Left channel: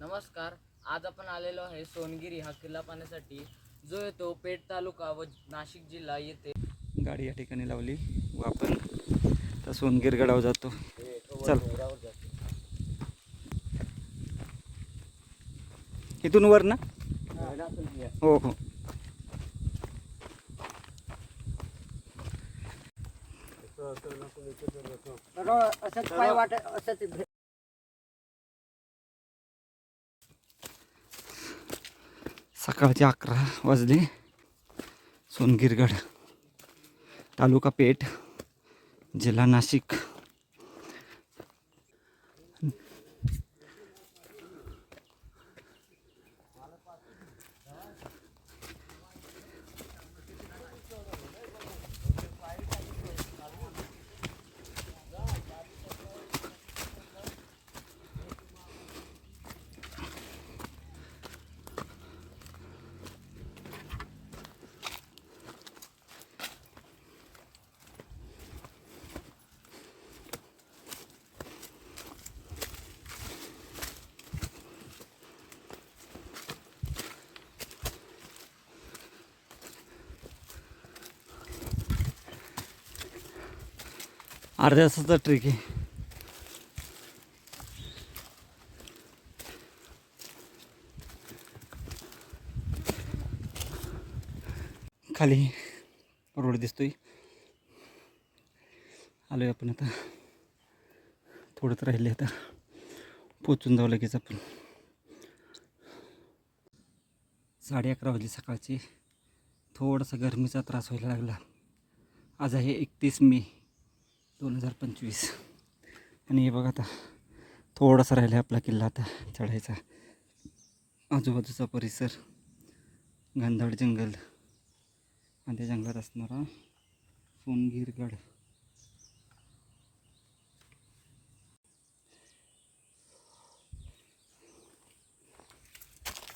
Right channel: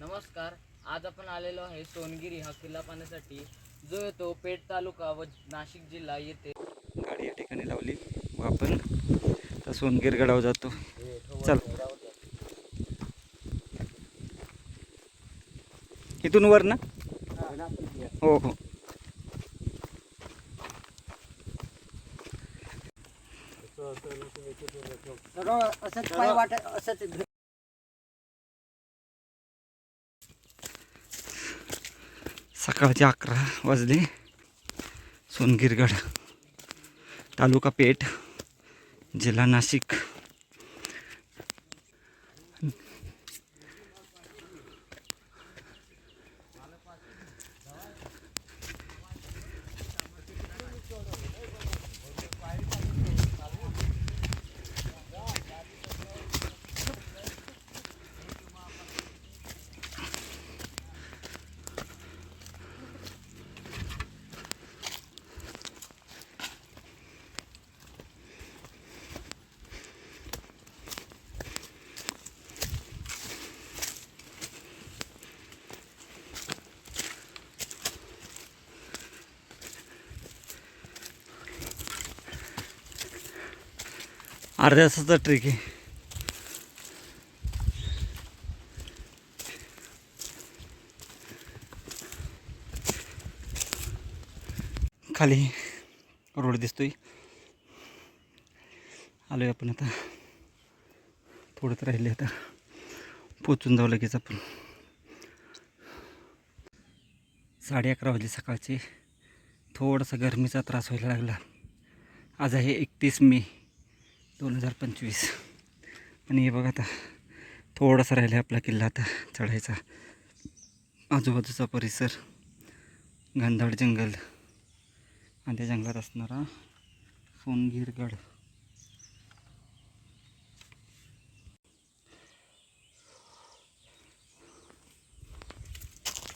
नमस्कार. आज आपण आलेलो आहे सोनगिरी हा किल्ला पाहण्यासाठी, जो येतो पेठ तालुका व नाशिक जिल्हा येथे. गाडी या ठिकाणी लावली व आपण तर सोनगिर गडावर जातो. चल, इथून वर ना? हो हो. सकाळचे 11 वाजले. सोनगिरगड, तालुका पेठ, जिल्हा नाशिक. अर्ध्या तासाचा ट्रेक आहे. खाली रोड दिसतोय. आलोय आपण आता. थोडंच राहिले आता, पोचून जाऊ लगेच आपण. 11:30 वाजले सकाळचे. थोडासा गरमीचा त्रास व्हायला लागला. आज आहे 31 मे 2025 आणि हे बघा आता थोडासा राहिला आपला किल्ला आता चढायचा. आजूबाजूचा परिसर घनदाट जंगल आणि त्या जंगलात असणारा सोनगिरगड.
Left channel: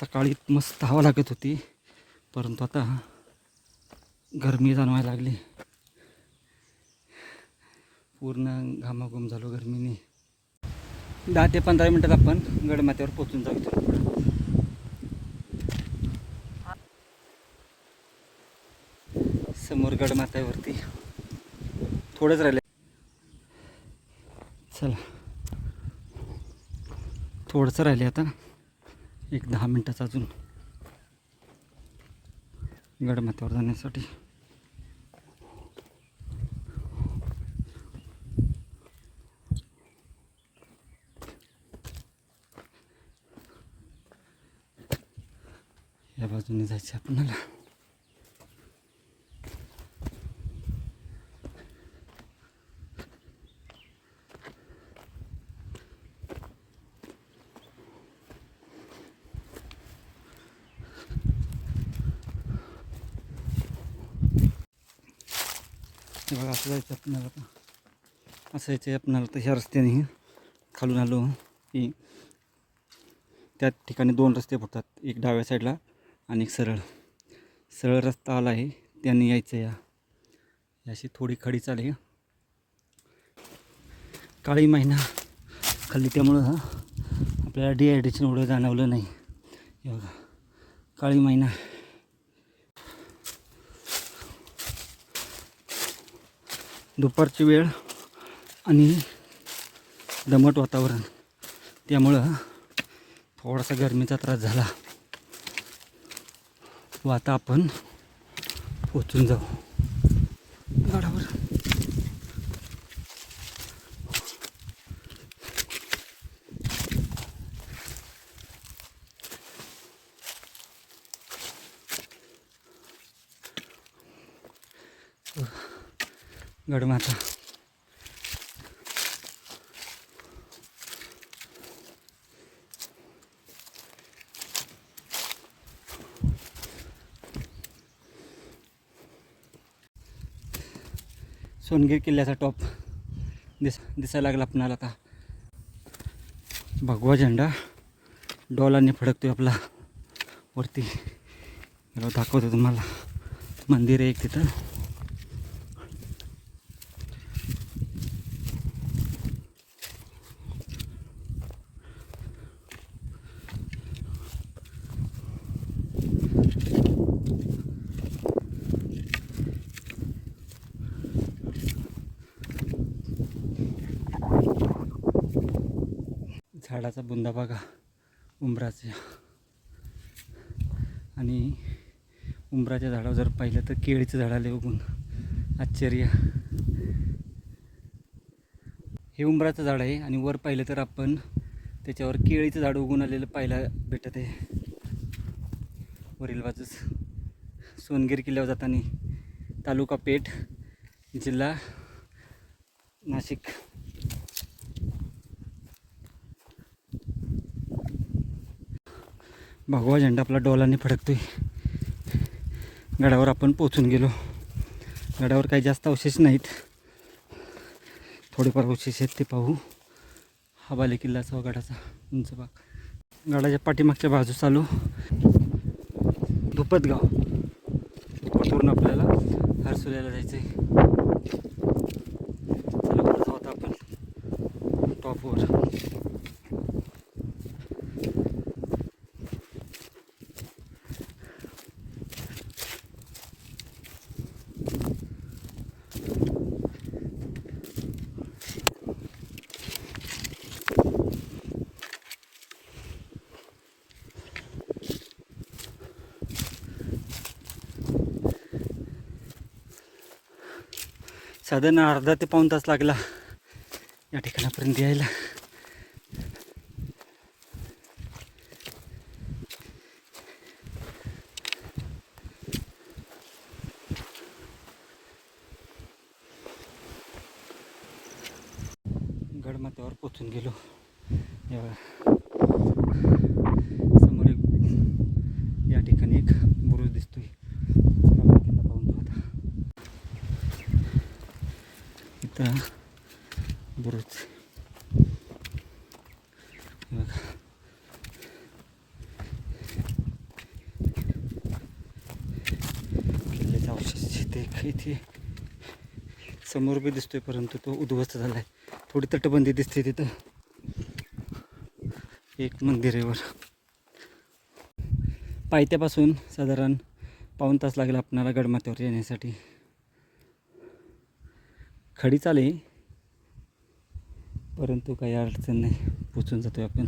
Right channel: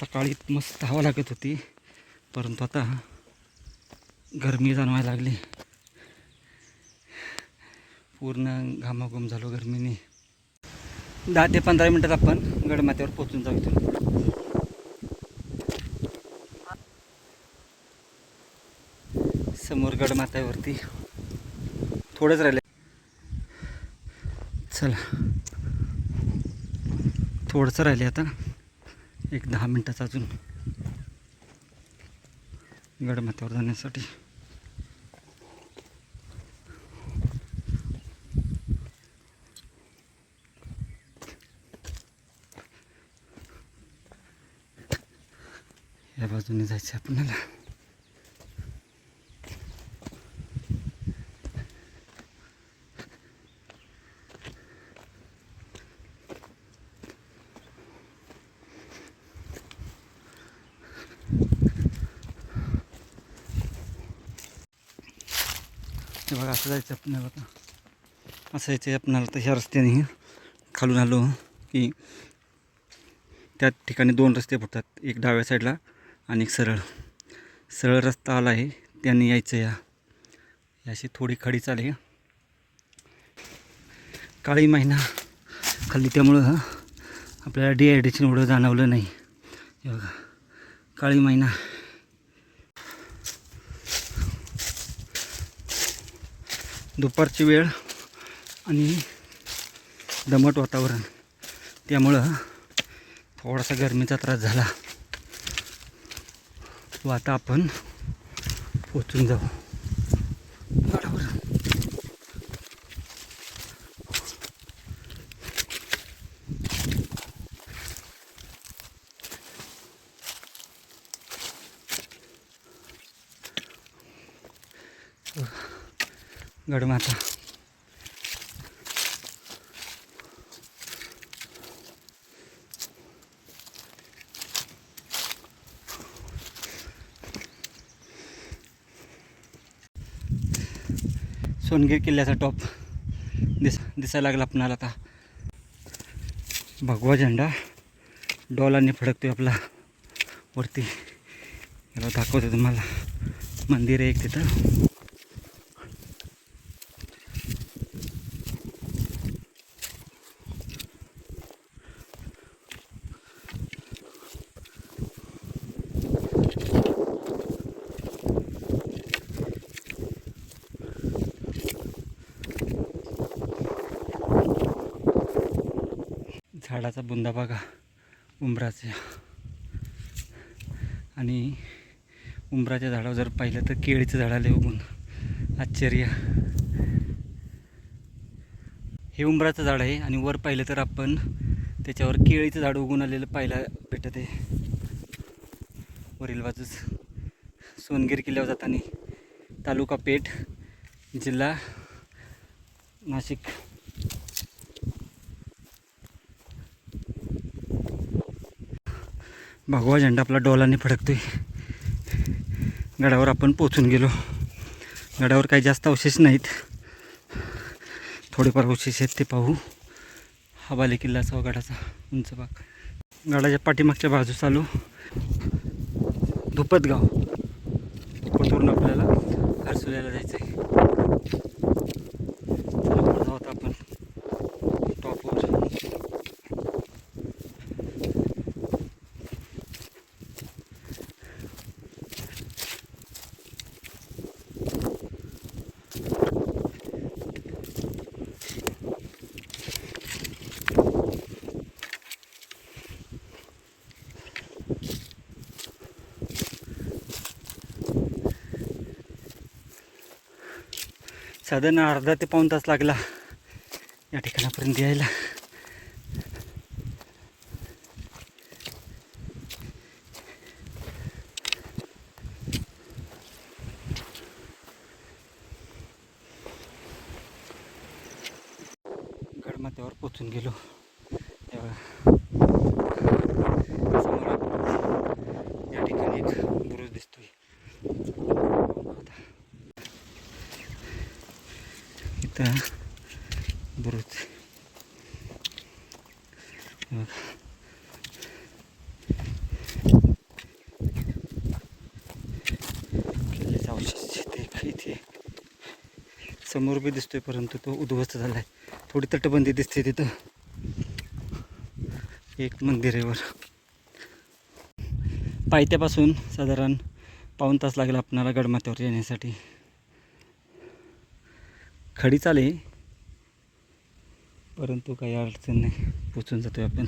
सकाळी मस्त हवा लागत होती, परंतु आता गरमी जाणवायला लागली. पूर्ण घामाघूम झालो गरमीने. 10 ते 15 मिनटात आपण गडमाथ्यावर पोचून जातो. समोर गडमाथ्यावरती थोडंच राहिले. चला, थोडंसं राहिले आता, एक 10 मिनटाचं अजून गडमाथ्यावर जाण्यासाठी. या बाजूने जायचं आपल्याला. हे बघा, असं जायचं आपल्याला. आता असं यायचं आपल्याला. तर ह्या रस्त्याने खालून आलो की त्या ठिकाणी 2 रस्ते फुटतात, एक डाव्या साईडला आणि एक सरळ. सरळ रस्ता आला आहे त्याने यायचं. याशी थोडी खडी चाले. काळी महिना खाल्ली त्यामुळं आपल्याला डिहायड्रेशन एवढं जाणवलं नाही. हे बघा, काळी महिना. दुपारची वेळ आणि दमट वातावरण, त्यामुळं थोडासा गरमीचा त्रास झाला. व आता आपण पोचून जाऊ गडावर. गडमाथा सोनगिर किल्ल्याचा टॉप दिसायला लागला आपणाला आता. भगवा झेंडा डॉलाने फडकतोय आपला वरती. याला दाखवतो तुम्हाला. मंदिर आहे एक तिथं. झाडाचा बुंदा बघा उंबराच्या. आणि उंबराच्या झाडावर जर पाहिलं तर केळीचं झाड आले उगून. आश्चर्य. हे उंबराचं झाड आहे आणि वर पाहिलं तर आपण त्याच्यावर केळीचं झाड उगून आलेलं पाहायला भेटत आहे. वरील बाजूस सोनगिरी किल्ल्यावर जाताना, तालुका पेठ, जिल्हा नाशिक. भगवा झेंडा आपला डोलाने फडकतोय. गडावर आपण पोचून गेलो. गडावर काही जास्त अवशेष नाहीत, थोडेफार अवशेष आहेत ते पाहू. हा बाले किल्लाचा गडाचा उंच भाग. गडाच्या पाठीमागच्या बाजूस आलो. धुपतगाव. धुपतवरून आपल्याला हर्सुल्याला जायचं आहे. चला पुढे जाऊ आता आपण टॉपवर. साधारण अर्धा ते पाऊण तास लागला या ठिकाणापर्यंत यायला. गडमाथ्यावर पोचून गेलो. तेव्हा समोर या ठिकाणी एक बुरुज दिसतोय. इथं बुरुज किल्ल्याच्या अवशेष इथे समोर बी दिसतोय, परंतु तो उद्ध्वस्त झाला आहे. थोडी तटबंदी दिसते तिथं. एक मंदिर आहे वर. पायथ्यापासून साधारण पाऊण तास लागला आपणाला गडमाथ्यावर येण्यासाठी. खडी चाले, परंतु काही अडचण नाही, पोचून जातोय आपण.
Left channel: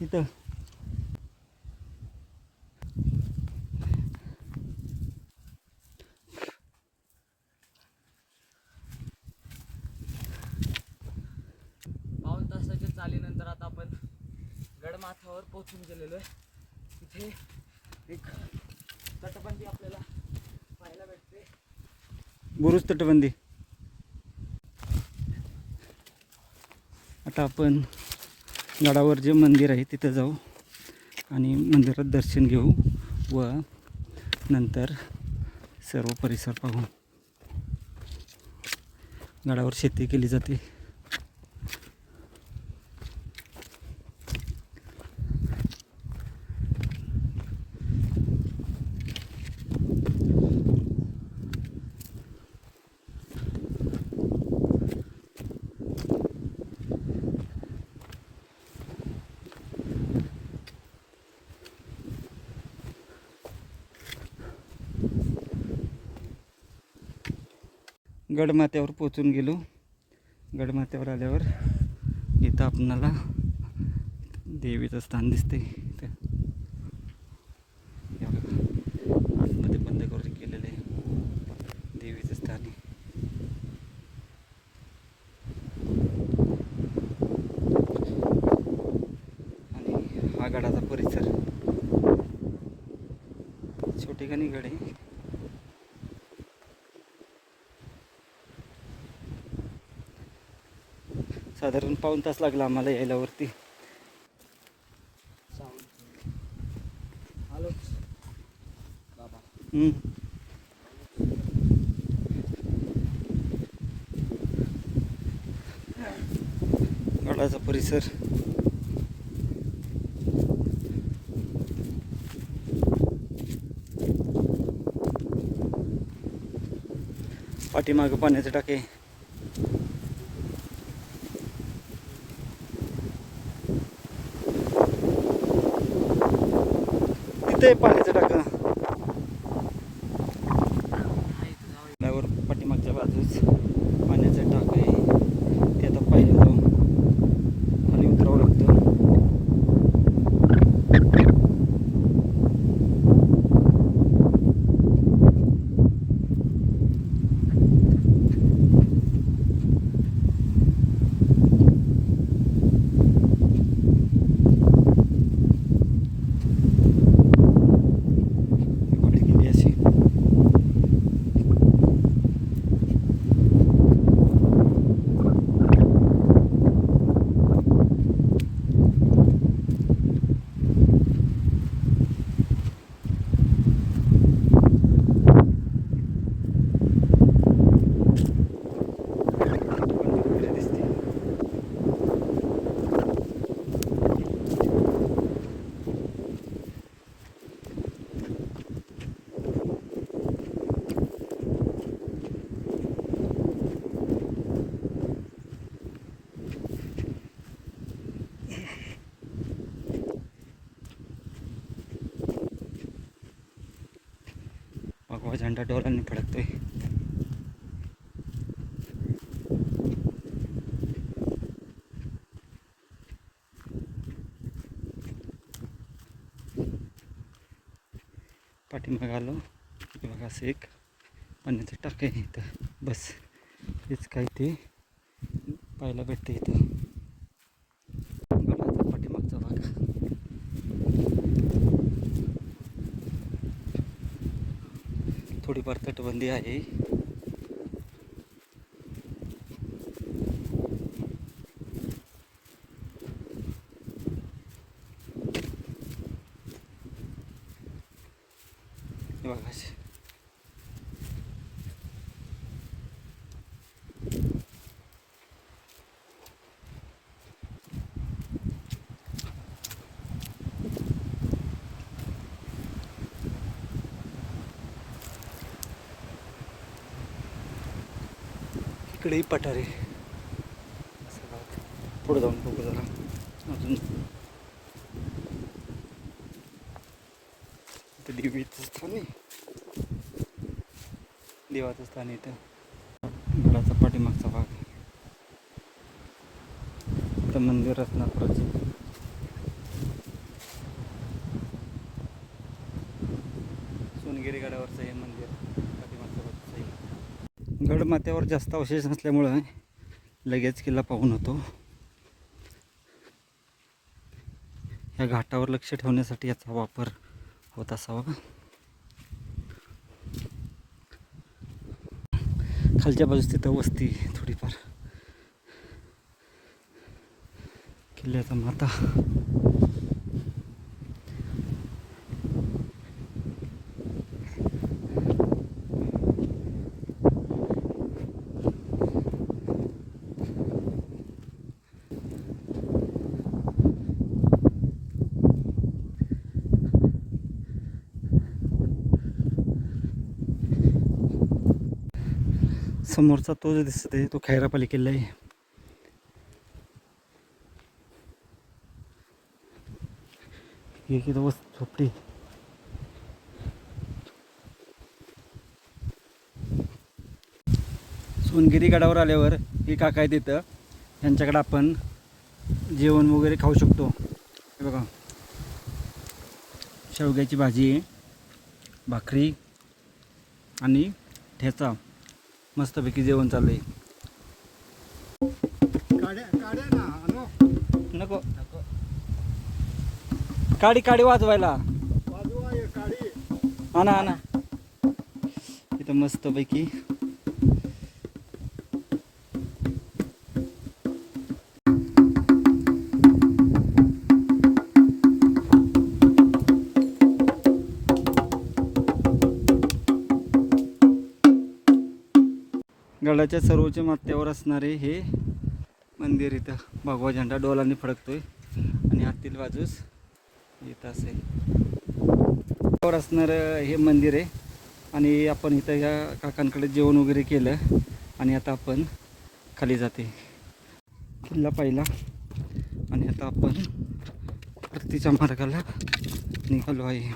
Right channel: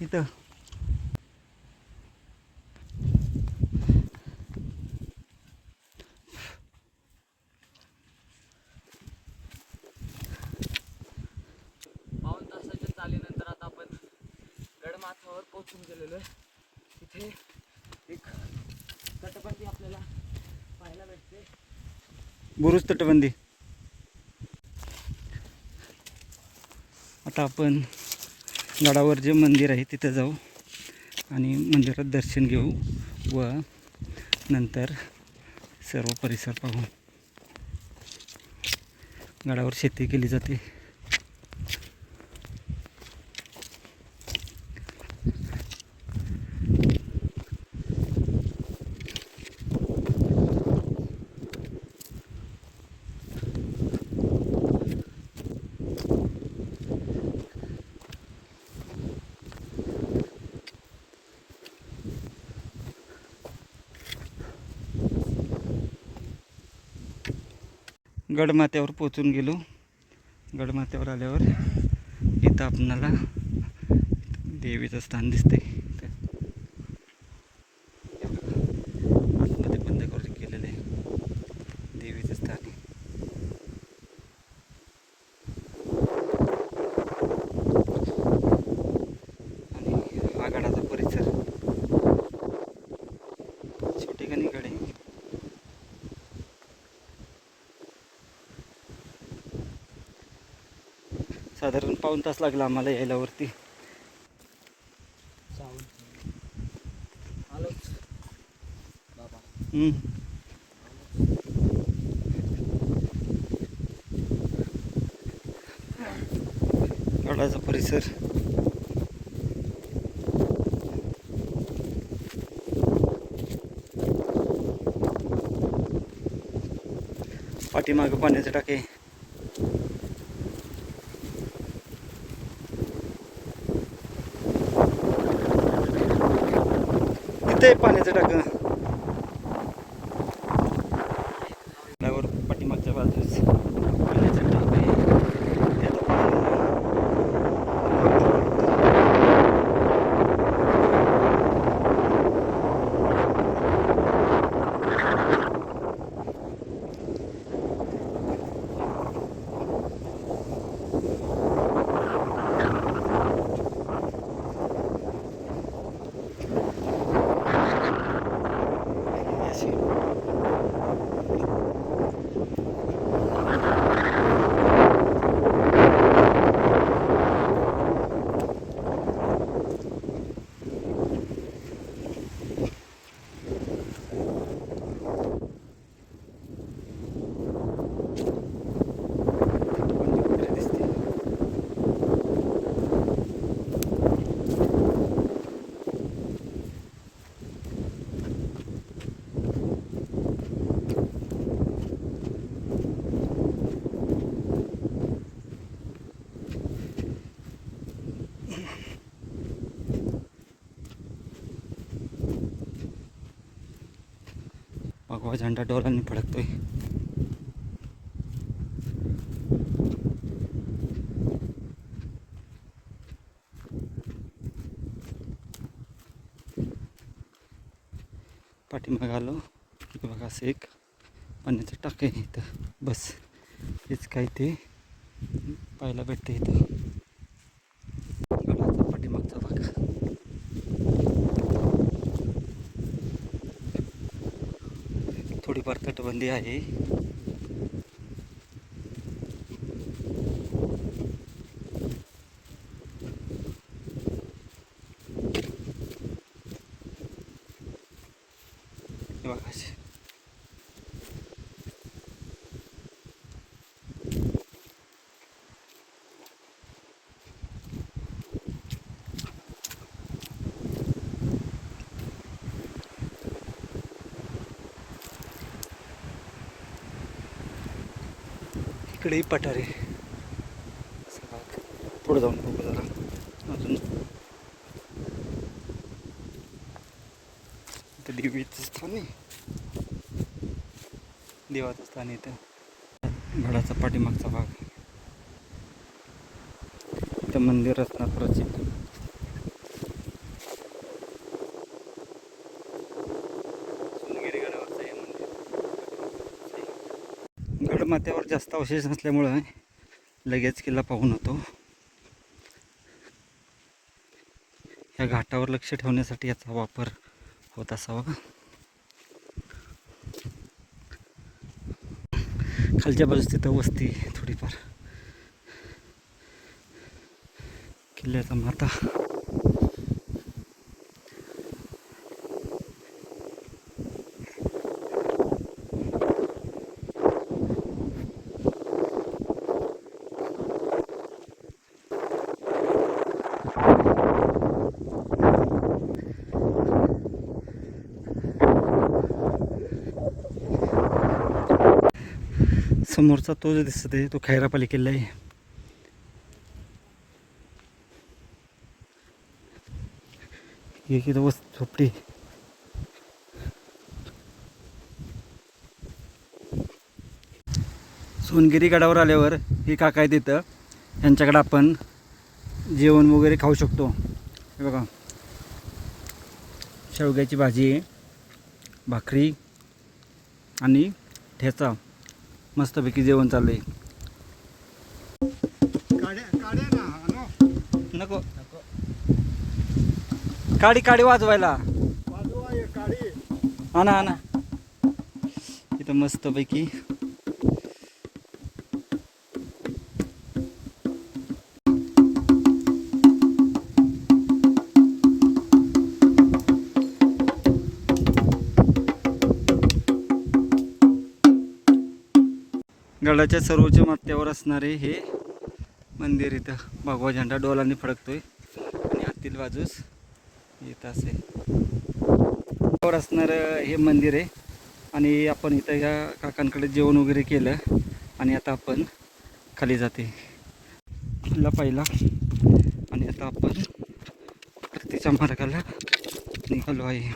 इथं पाऊण तासाच्या चालीनंतर आता आपण गडमाथ्यावर पोहोचून गेलेलो आहे. इथे एक तटबंदी आपल्याला पाहायला भेटते. बुरुज तटबंदी. आता आपण गडावर जे मंदिर आहे तिथं जाऊ आणि मंदिरात दर्शन घेऊ व नंतर सर्व परिसर पाहू. गडावर शेती केली जाते. गडमाथ्यावर पोचून गेलो. गडमाथ्यावर आल्यावर इथं आपणाला देवीचं स्थान दिसते. आतमध्ये बंद करून केलेलं आहे देवीचं स्थान. आणि हा गडाचा परिसर. छोटेखानी गड आहे. साधारण पाऊण तास लागला आम्हाला यायला वरती. हॅलो बाबा. गडाचा परिसर. पाठीमागं पाण्याचे टाके. इथे पाण्याचं टाकं. बाजूस पाण्याचं टाक आहे ते आता पाणी जावं लागतं. अशी दिसते. भगवा झेंडा डोलांनी फडकतोय. पाठीमागे आलो की बघा असं एक पाण्याचं टाक आहे इथं. बस हेच काय ते पाहायला भेटते इथं. गडाचा पाठीमागचा भाग. थोडीफार तटबंदी आहे. हे बघा अशी. इकडेही पठारे. असं बघा. पुढे जाऊन बघू जरा अजून. इथं देवीचं स्थान आहे. देवाचं स्थान आहे इथं. गडाचा पाठीमागचा भाग. इथं मंदिर असणार प्रसिद्ध. सोनगिरी गडावरचं हे मंदिर पाठीमागच्या बाजूचं आहे. गडमाथ्यावर जास्त अवशेष नसल्यामुळं लगेच किल्ला पाहून होतो. ह्या घाटावर लक्ष ठेवण्यासाठी याचा वापर होत असावा. खालच्या बाजूस तिथं वस्ती थोडीफार. किल्ल्याचा माथा. समोरचा तो जो दिसत आहे तो खैरापाली किल्ला आहे. हे किती वस्त झोपडी. सोनगिरी गडावर आल्यावर हे काका आहे तिथं. यांच्याकडे आपण जेवण वगैरे खाऊ शकतो. हे बघा शेवग्याची भाजी, भाकरी आणि ठेचा. मस्तपैकी जेवण चाललंय. नको काडी काडी वाजवायला. आणा आणा. इथं मस्तपैकी गडाच्या सर्वोच्च माथ्यावर असणारे हे मंदिर. इथं भगवा झेंडा डोलांनी फडकतोय आणि आतील बाजूस इथं असे वर असणारं हे मंदिर आहे. आणि आपण इथं या काकांकडे जेवण वगैरे केलं आणि आता आपण खाली जाते किल्ला पाहिला. आणि आता आपण परतीच्या मार्गाला निघालो आहे.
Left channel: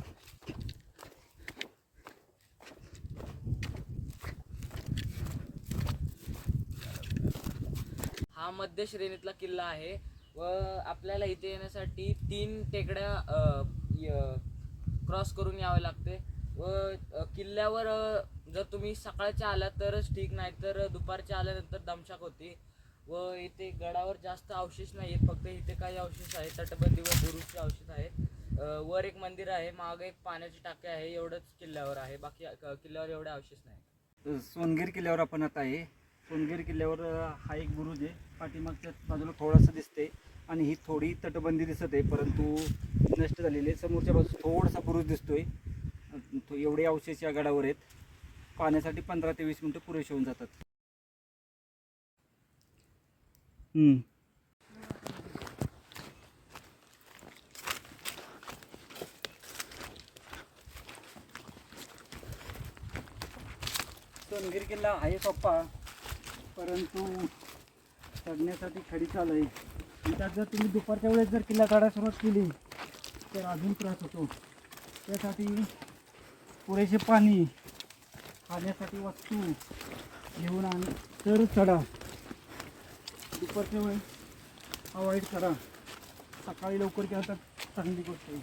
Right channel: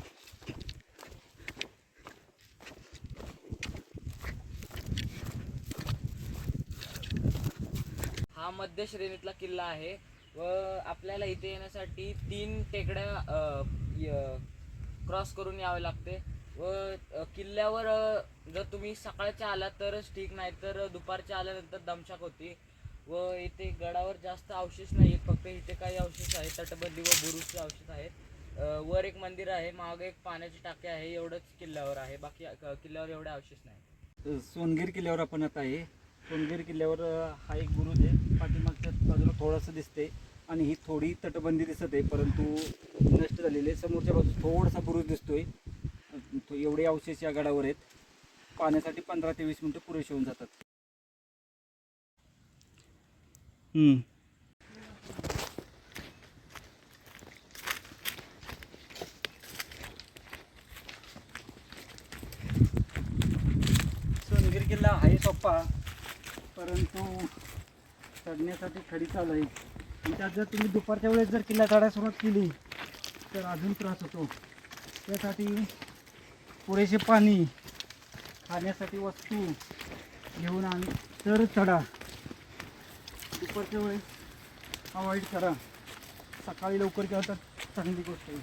हा मध्य श्रेणीतला किल्ला आहे व आपल्याला इथे येण्यासाठी 3 टेकड्या क्रॉस करून यावे लागते व किल्ल्यावर जर तुम्ही सकाळच्या आलात तरच ठीक, नाही तर दुपारच्या आल्यानंतर दमछाक होती व इथे गडावर जास्त अवशेष नाही आहेत, फक्त इथे काही अवशेष आहेत, तटबंदी व बुरुजचे अवशेष आहेत. वर एक मंदिर आहे, मागे एक पाण्याची टाकी आहे, एवढंच किल्ल्यावर आहे, बाकी किल्ल्यावर एवढे अवशेष नाही. सोनगीर किल्ल्यावर आपण आता आहे. सोनगीर किल्ल्यावर हा एक बुरुज आहे, पाठीमागच्या बाजूला थोडासा दिसते आणि ही थोडी तटबंदी दिसत आहे परंतु नष्ट झालेली आहे. समोरच्या बाजूला थोडासा बुरुज दिसतोय. एवढे अवशेष या गडावर आहेत. पाण्यासाठी 15 ते 20 मिनिटं पुरेशी होऊन जातात. सोनगीर किल्ला आहे सोपा, परंतु चढण्यासाठी खडी चाल आहे. आणि त्यात जर तुम्ही दुपारच्या वेळेस जर किल्ला चढायला सुरुवात केली तर अजून त्रास होतो. त्यासाठी पुरेसे पाणी, खाण्यासाठी वस्तू घेऊन आणि तर चढा. दुपारच्या वेळेस अवॉइड करा. सकाळी लवकर केलं तर चांगली गोष्ट आहे.